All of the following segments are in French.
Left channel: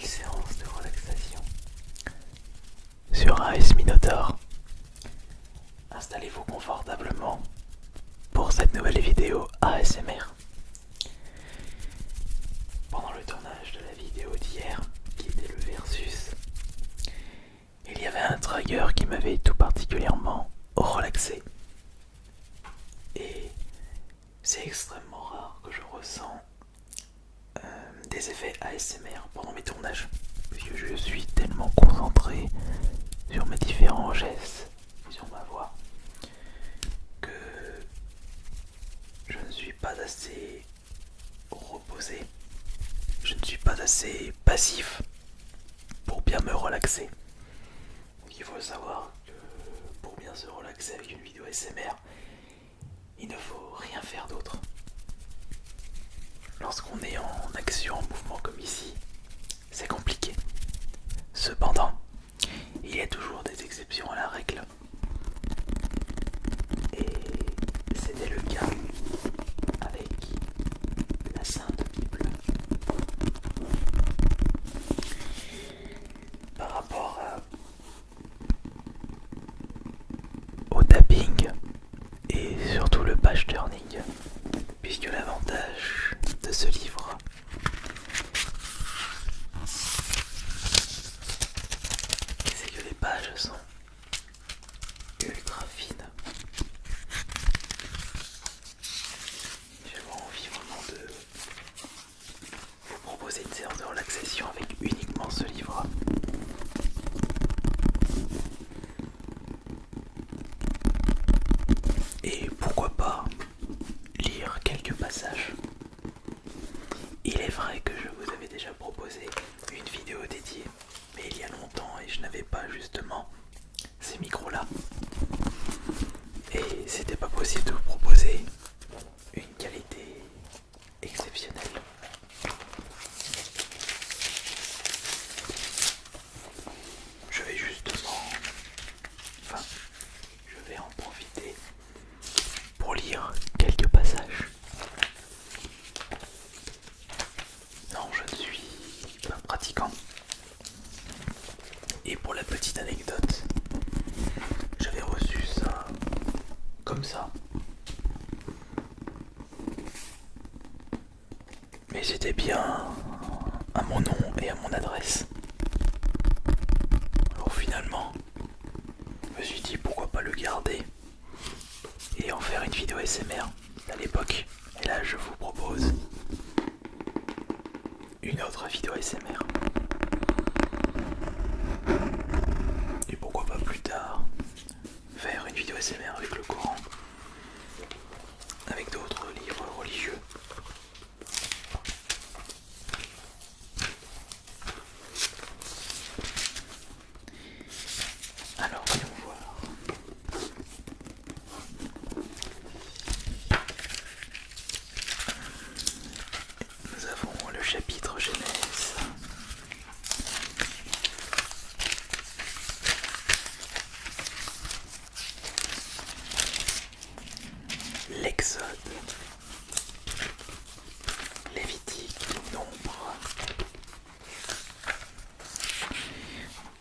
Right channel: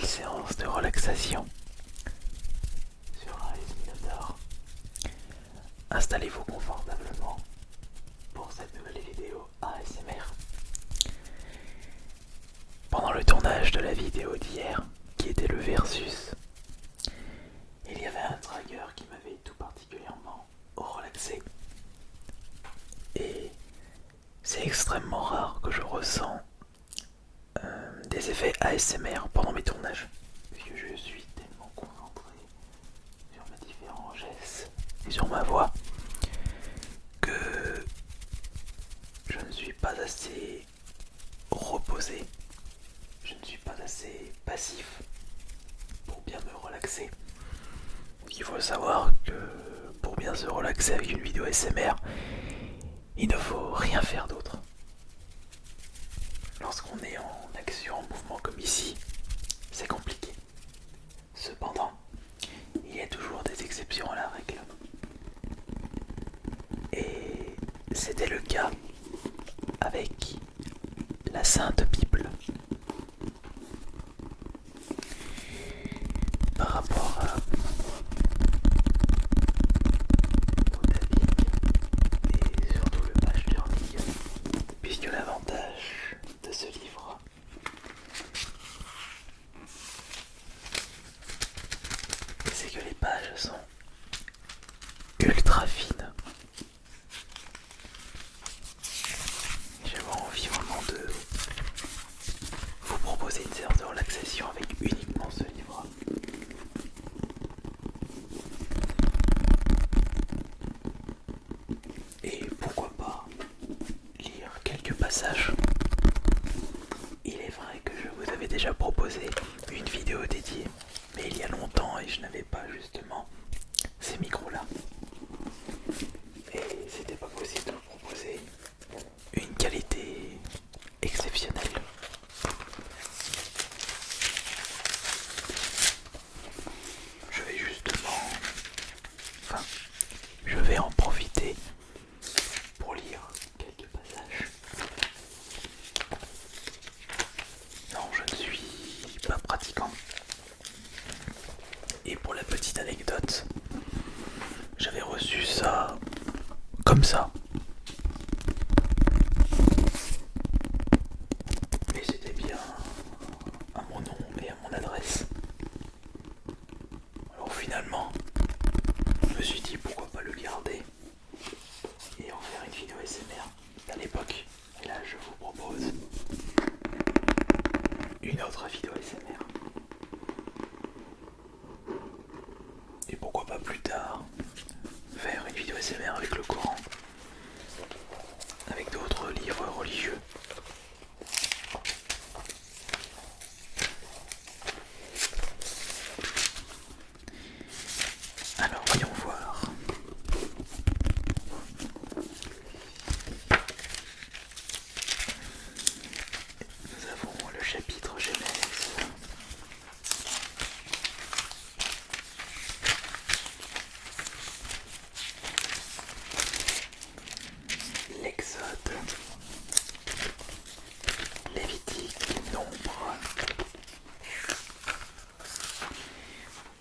nouvelle séance de relaxation sur AS Minotaur. Installez-vous confortablement pour cette nouvelle vidéo ASMR. Pendant le tournage de la vidéo d'hier, qui était le versus, il y avait un trigger qui m'avait tout particulièrement relaxé. Et c'est extrêmement rare que je ressens des effets ASMR pendant mes tournages, puisque je suis tellement concentré sur mes différents gestes et sur ma voix que je ne suis pas assez reposé, je ne suis pas assez passif pour bien me relaxer. Il faut savoir que pour bien se relaxer avec une vidéo ASMR, il ne faut rien faire d'autre. Lorsqu'on est en action, en mouvement comme ici, c'est compliqué. Cependant, il y a toujours des exceptions à la règle. Et c'était le cas avec la Sainte Bible. Par rapport au tapping et surtout le page turning, puisque l'avantage de ce livre, c'est que les pages sont ultra fines. J'ai envie vraiment de vous proposer une séance de relaxation avec uniquement ce livre. Et pourquoi pas lire quelques passages. Il est vrai que je vous avais déjà proposé une vidéo dédiée, mais il y a longtemps et je n'avais pas justement ces micros-là. Et c'était pas possible de vous proposer une qualité exceptionnelle. Je vais justement, enfin, je vais en profiter pour lire quelques passages. Non, je ne suis pas pratiquant. Et pour la petite anecdote, j'avais reçu ça comme ça. Mais c'était bien à mon nom et à mon adresse. Alors finalement, je me suis dit pourquoi pas le garder et en faire une vidéo ASMR à l'époque. Et là je vous propose une autre vidéo ASMR. Et pourquoi pas plus tard faire une vidéo ASMR avec le Coran, avec d'autres livres religieux. Alors voyons voir. Nous avons le chapitre Genèse. L'Exode, Lévitique, Nombre,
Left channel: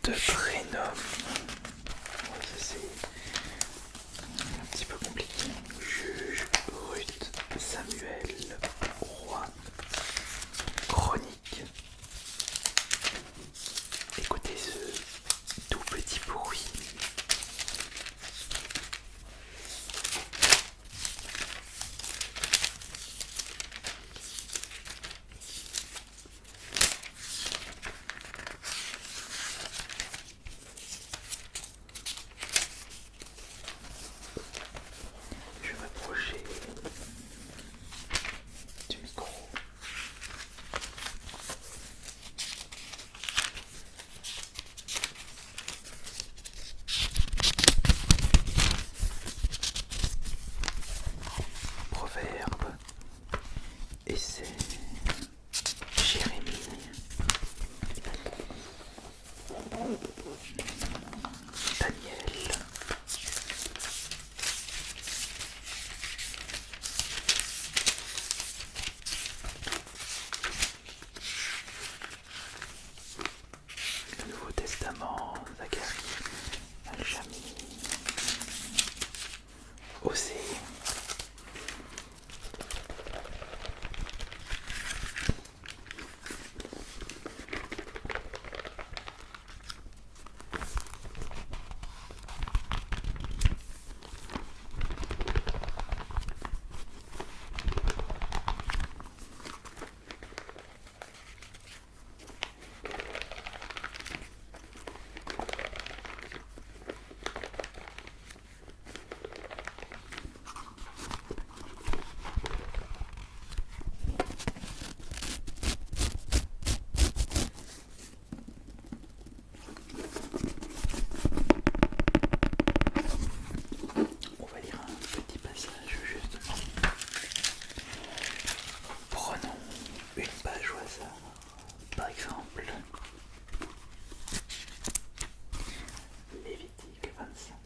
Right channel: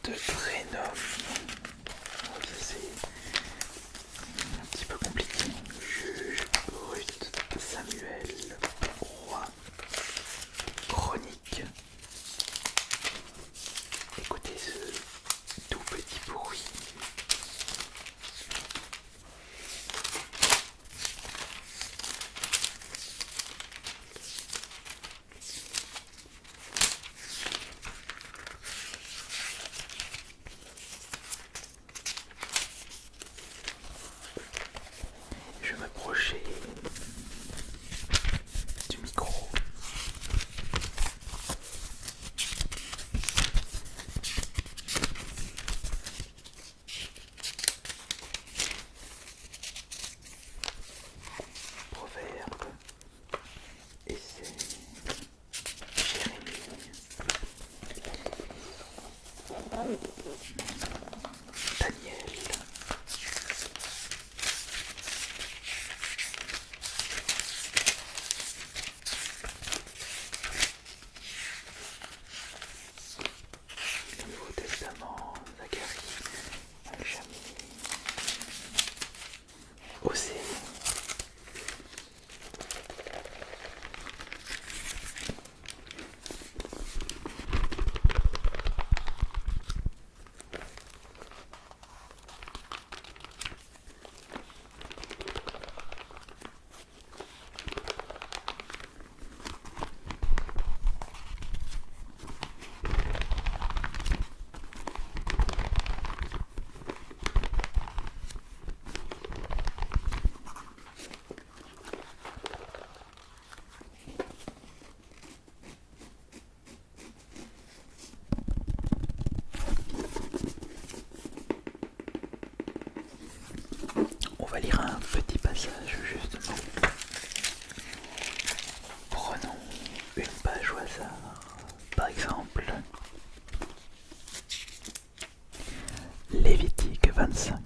Deutéronome. Ça c'est un petit peu compliqué. Juge, Ruth, Samuel, Roi, Chronique. Écoutez ce tout petit bruit. aussi. On va lire un petit passage justement. Prenons une page au hasard. Par exemple, Lévitique 25,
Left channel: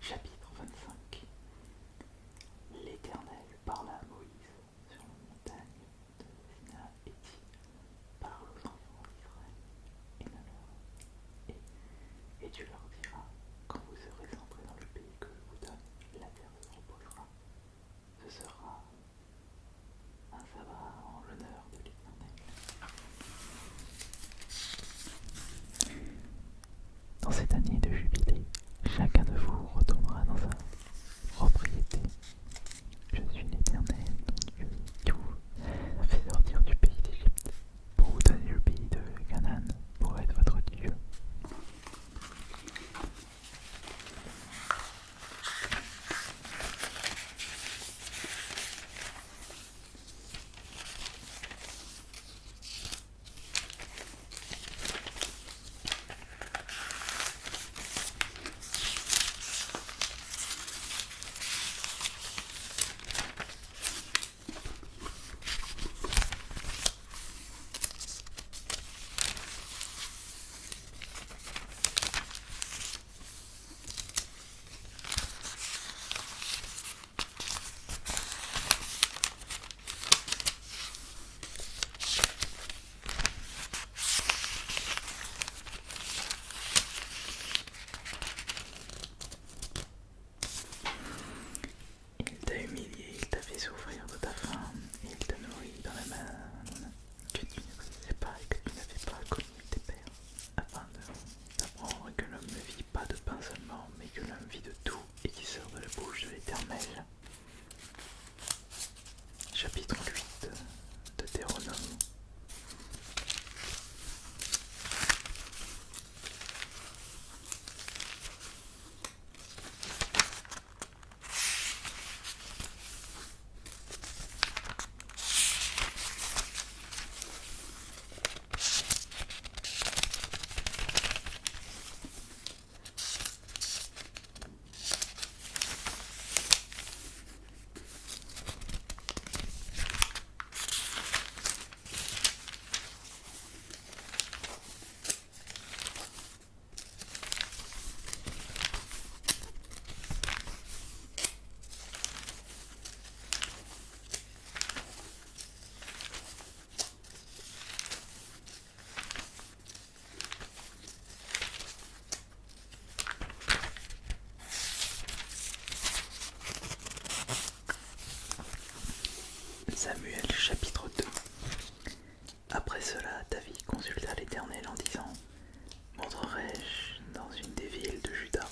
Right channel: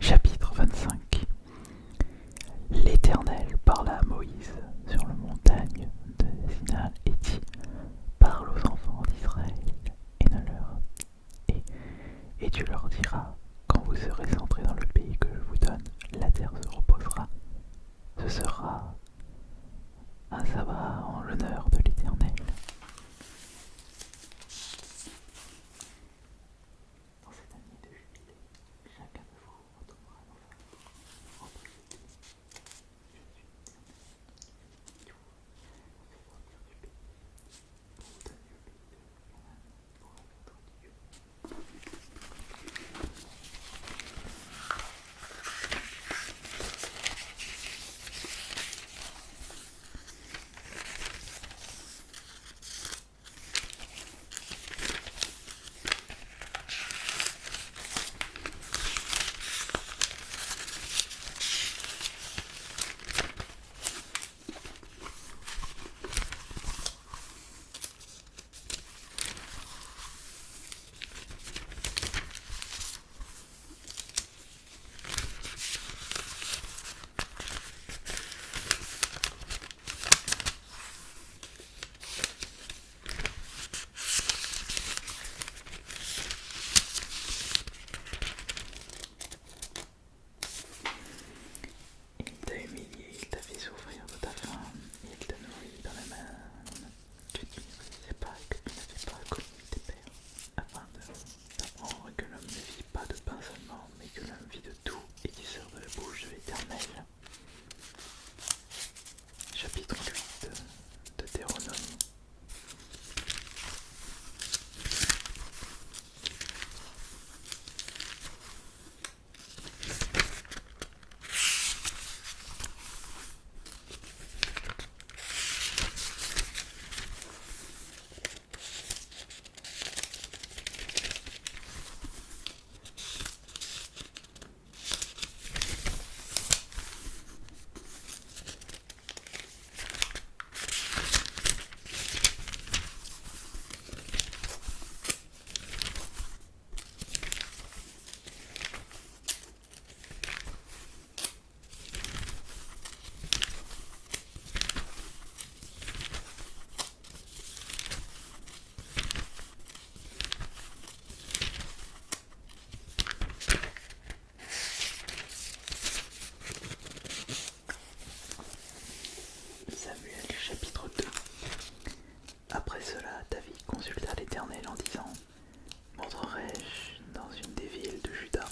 chapitre 25. L'Éternel parla à Moïse sur la montagne de Sinaï et dit: parle aux enfants d'Israël et tu leur diras: quand vous serez entrés dans le pays que je vous donne, la terre se reposera. Ce sera un sabbat en l'honneur de l'Éternel. Dans cette année de jubilé, chacun de vous retournera dans sa propriété. Je suis l'Éternel, ton Dieu, qui vous a fait sortir du pays d'Égypte pour vous donner le pays de Canaan pour être votre Dieu. Il t'a humilié, il t'a fait souffrir de ta faim, et il te nourrit dans la manne que tu ne connaissais pas et que tu n'avais pas connu tes pères, afin d'apprendre que l'homme ne vit pas de pain seulement, mais que l'homme vit de tout et qui sort de la bouche de l'Éternel. Chapitre 8 de Deutéronome. Samuel chapitre 2. Après cela, David consulta l'Éternel en disant: montrerai-je dans une des villes de Juda?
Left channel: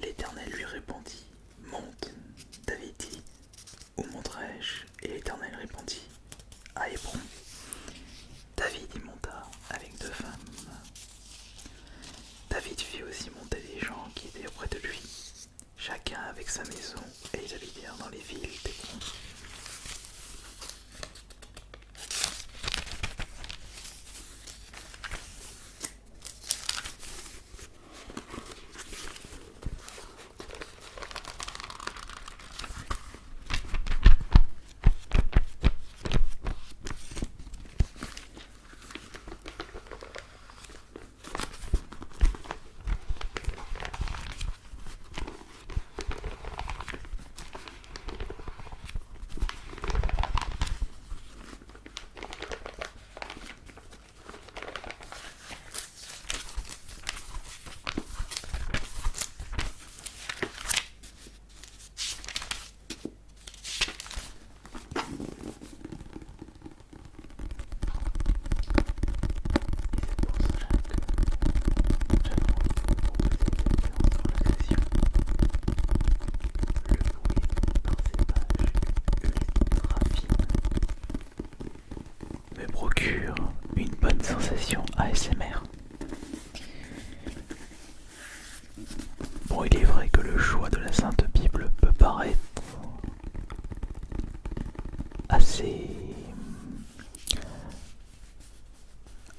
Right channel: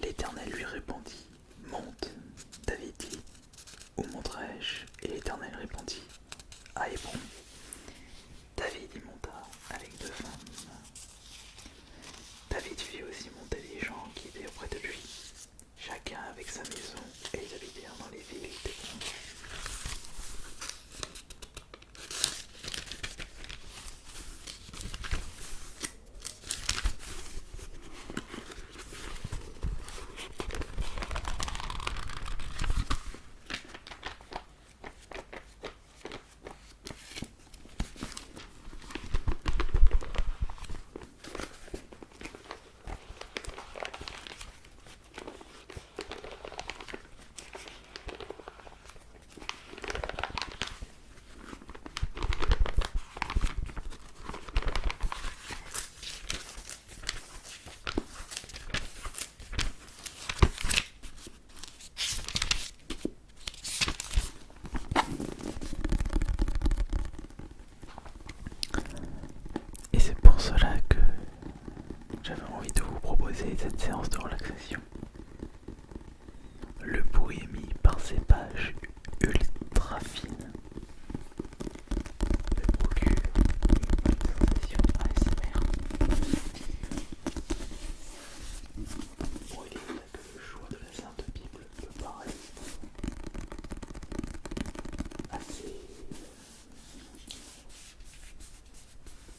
L'Éternel lui répondit: monte. David dit: où monterai-je? Et l'Éternel répondit: à Hébron. David y monta avec 2 femmes. David fit aussi monter les gens qui étaient auprès de lui, chacun avec sa maison, et ils habitèrent dans les villes d'Hébron.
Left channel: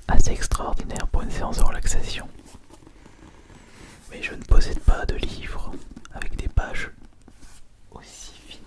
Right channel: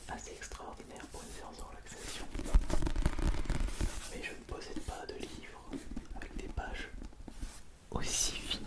assez extraordinaire pour une séance de relaxation. Mais je ne possède pas de livre avec des pages aussi fines.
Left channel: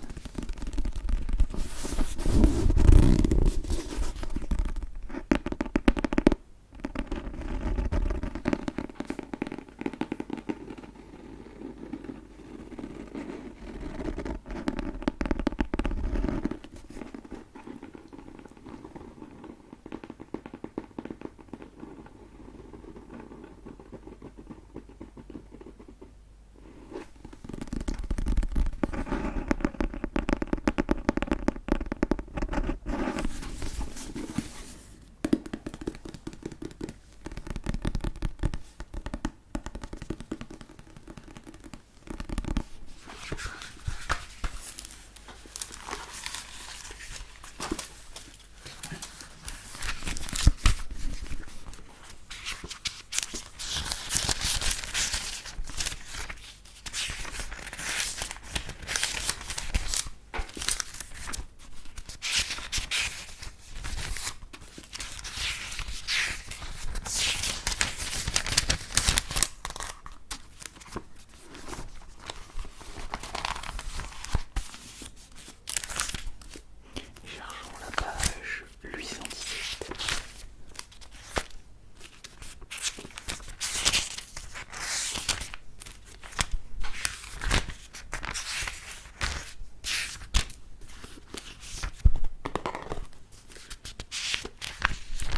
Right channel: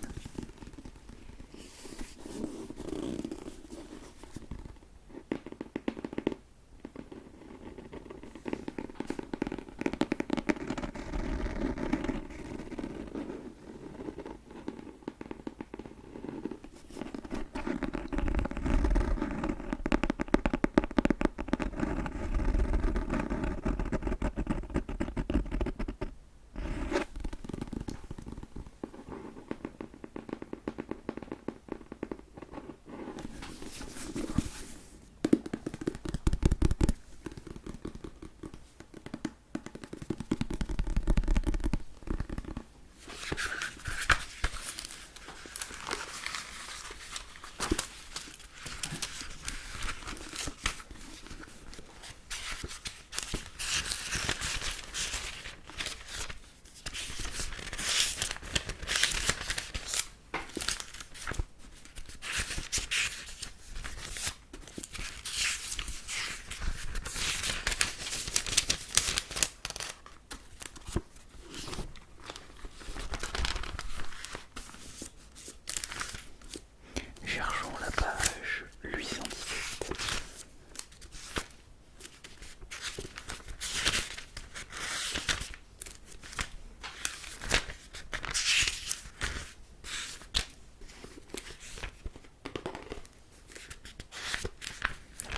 Cherchons la page 817.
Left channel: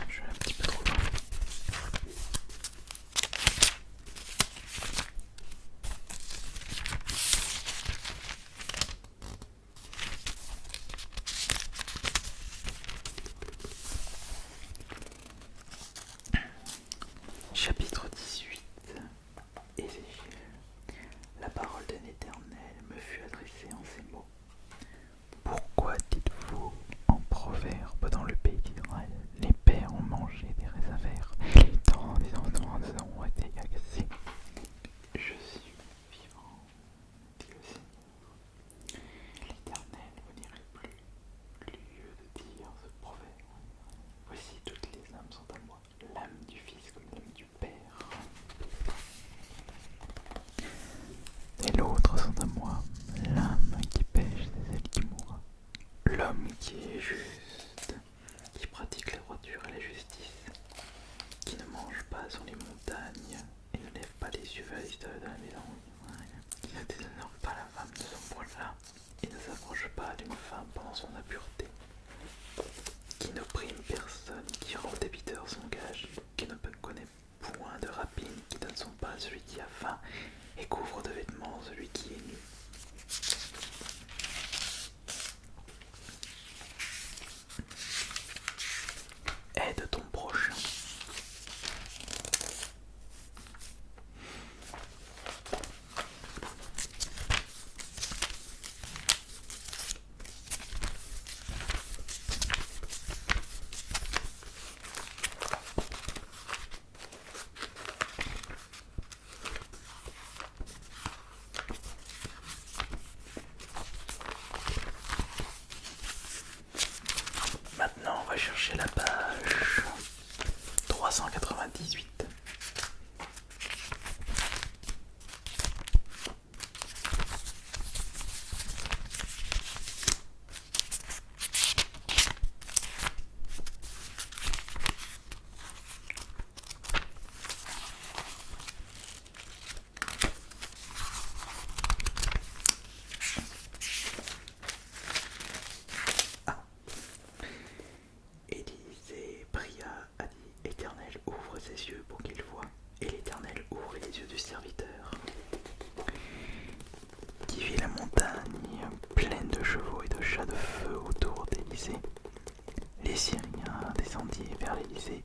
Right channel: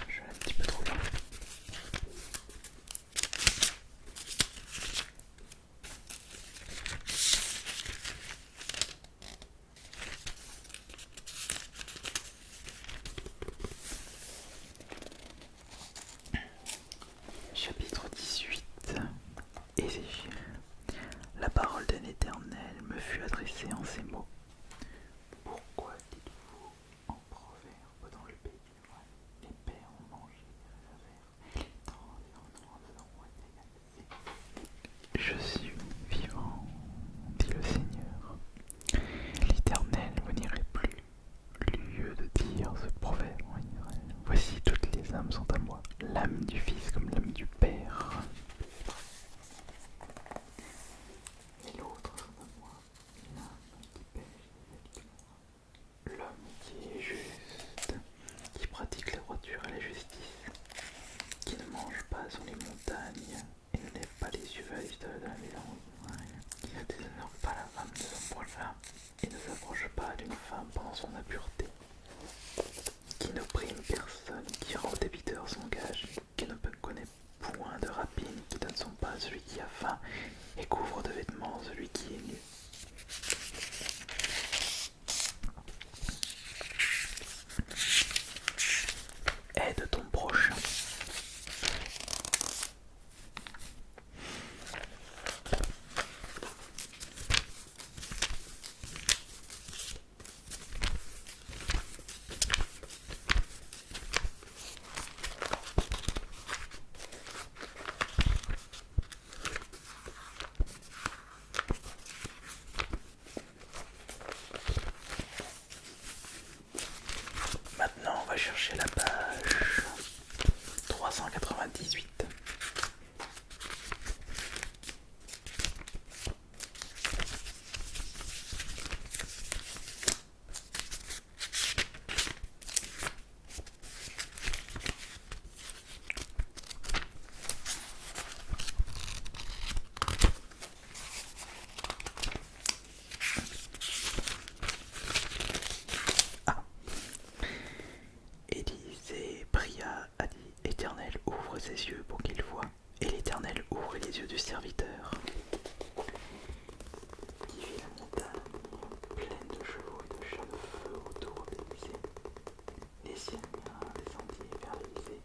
Je vais un petit peu trop loin. Chapitre 18. Ézéchiel. La parole d'un Éternel me fut adressée en ces mots. Pourquoi dites-vous en proverbe dans le pays d'Israël, les pères ont mangé des raisins verts, les dents des enfants ont été agacés. Je suis vivant, dit le Seigneur. L'Éternel, vous n'irez plus, lieu de dire ce proverbe en Israël. Voici, toutes les âmes sont à moi, l'âme du Fils comme l'âme du Père. Et l'autre sont à moi, l'âme qui pêche c'est celle qui mourra. L'homme qui est juste, qui pratique la droiture et la justice, qui ne mange pas sur les montagnes et ne lève pas les yeux vers les stades de la maison, qui ne déshonore pas la femme de son prochain et ne s'approche pas d'une femme pendant son impureté, qui n'opprime personne, qui rend aux débiteurs son gage, qui ne connaît point de rapine, qui donne son pain à celui qui a faim et couvre de vêtements celui qui est nu. Aide ton prochain. Maintenant, on va chercher la page 398. Élisée pria, a dit, Éternel, ouvre ses yeux pour qu'il voie. Et l'Éternel ouvrit les yeux du serviteur, qui vit la montagne pleine de chevaux et de chats de feu autour d'Élisée. Les Syriens descendirent vers l'Élysée.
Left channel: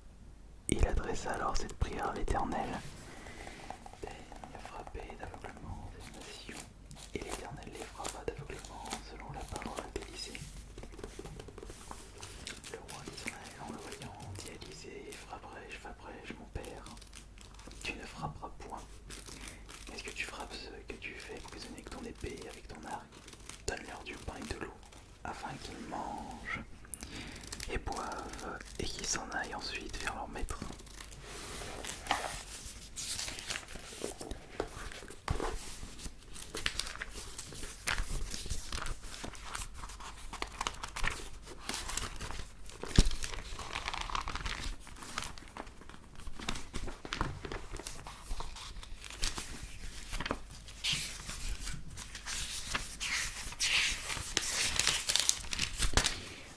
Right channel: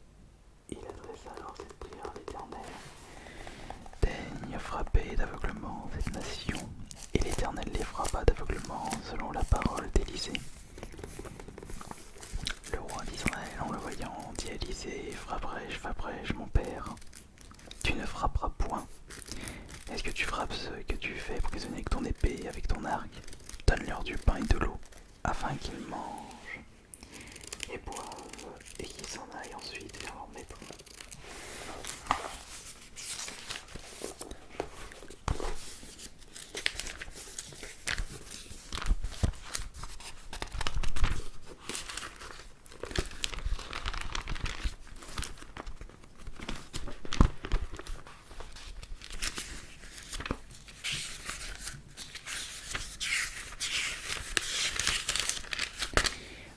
Il adressa alors cette prière à l'Éternel. Daigne frapper d'aveuglement cette nation. Et l'Éternel les frappa d'aveuglement selon la parole d'Élisée. Le roi d'Israël, en le voyant, dit à Élisée, frapperai-je, mon père? Tu ne frapperas point. Est-ce que tu frappes ceux que tu fais prisonniers avec ton épée et avec ton arc? Donne-leur du pain et de l'eau, afin qu'ils mangent et boivent et qu'ils s'en aillent ensuite vers leur maître.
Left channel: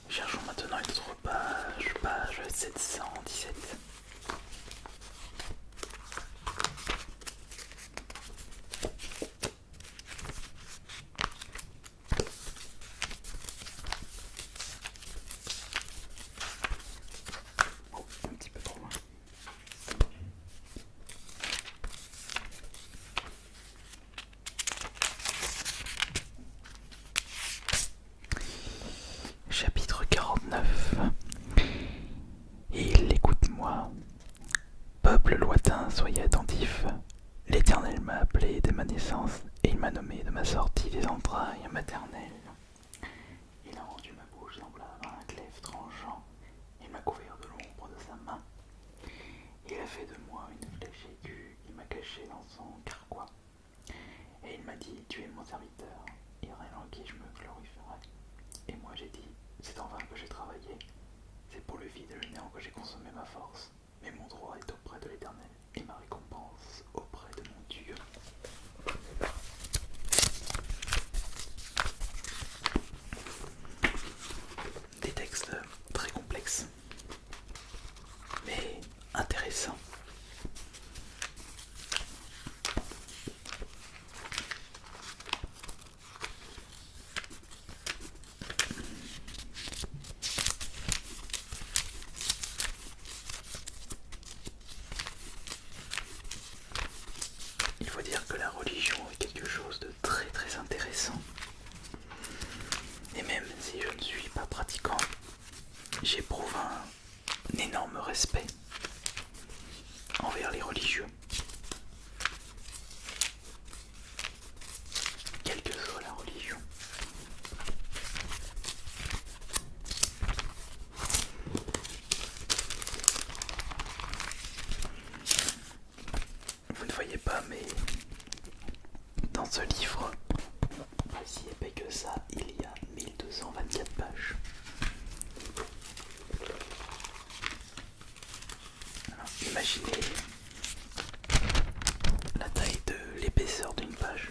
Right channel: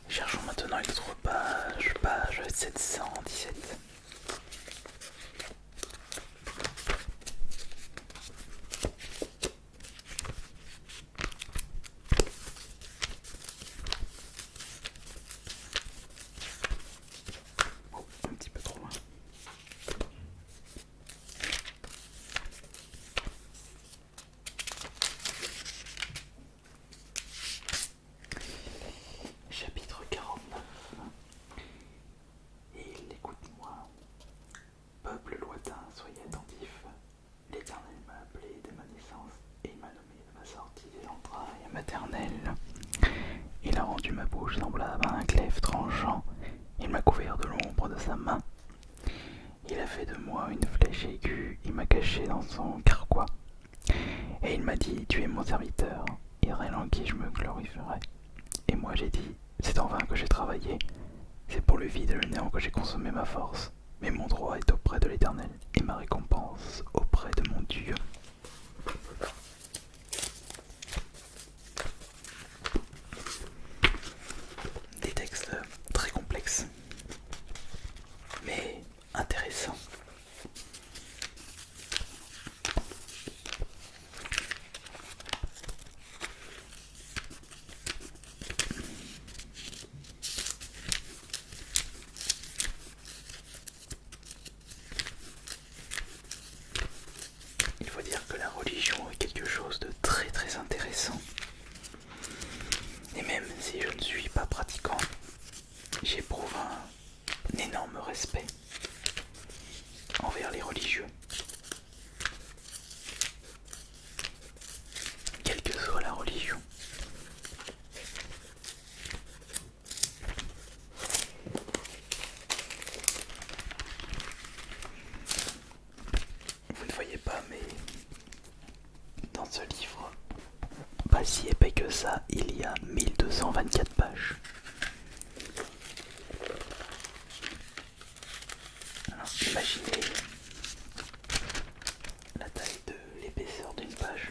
Cherchons maintenant une autre page, page 717. Oh, un petit peu trop loin. Chapitre 49. Il écoute-moi. Peuple lointain, soyez attentifs. L'Éternel m'a appelé dès ma naissance, et il m'a nommé de ma sortie des entrailles maternelles. Il a rendu ma bouche semblable à un glaive tranchant. Il m'a couvert de l'ombre de sa main. Il a fait de moi une flèche aiguë, il m'a caché dans son carquois. Et il m'a dit, tu es mon serviteur, Israël en qui je me glorifierai. Et moi j'ai dit, c'est en vain que j'ai travaillé, c'est pour le vide et le néant que j'ai consommé ma force. Mais mon droit est auprès de l'Éternel, et ma récompense auprès de mon Dieu. Des textes très complexes, mais intéressants. Il faut dire que la religion est quelque chose de très très intéressant. Et même si je ne suis pas pratiquant, j'éprouve un énorme respect envers les religieux. Quelle que soit la religion. Vous ne voyez pas, mais dans ce livre, pas si épais que ça, il y a 1224 pages. Alors, imaginez la taille de l'épaisseur d'une page.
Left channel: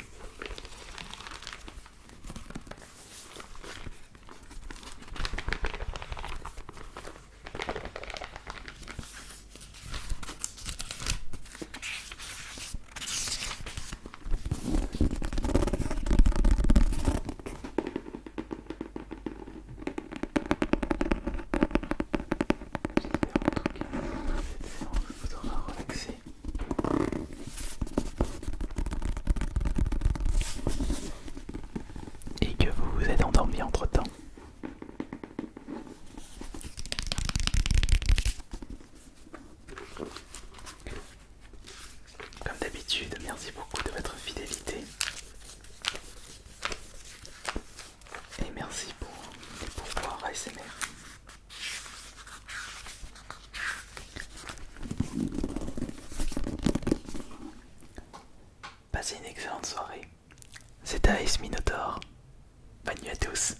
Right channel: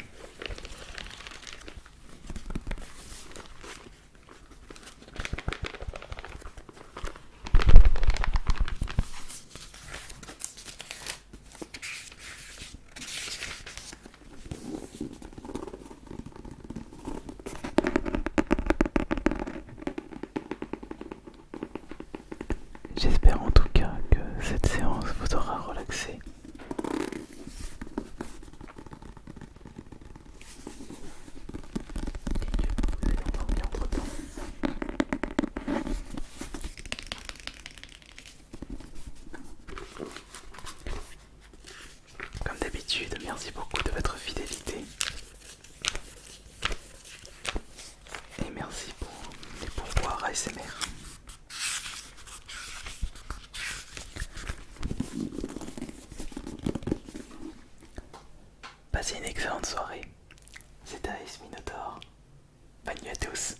J'espère en tout cas que cette séance vous aura relaxé. Et que vous vous êtes endormi entre temps. Comme d'habitude, merci beaucoup de votre fidélité. Et merci pour les pourboires ASMR. Passez une excellente soirée. C'était AS Minotaur. Bonne nuit à tous.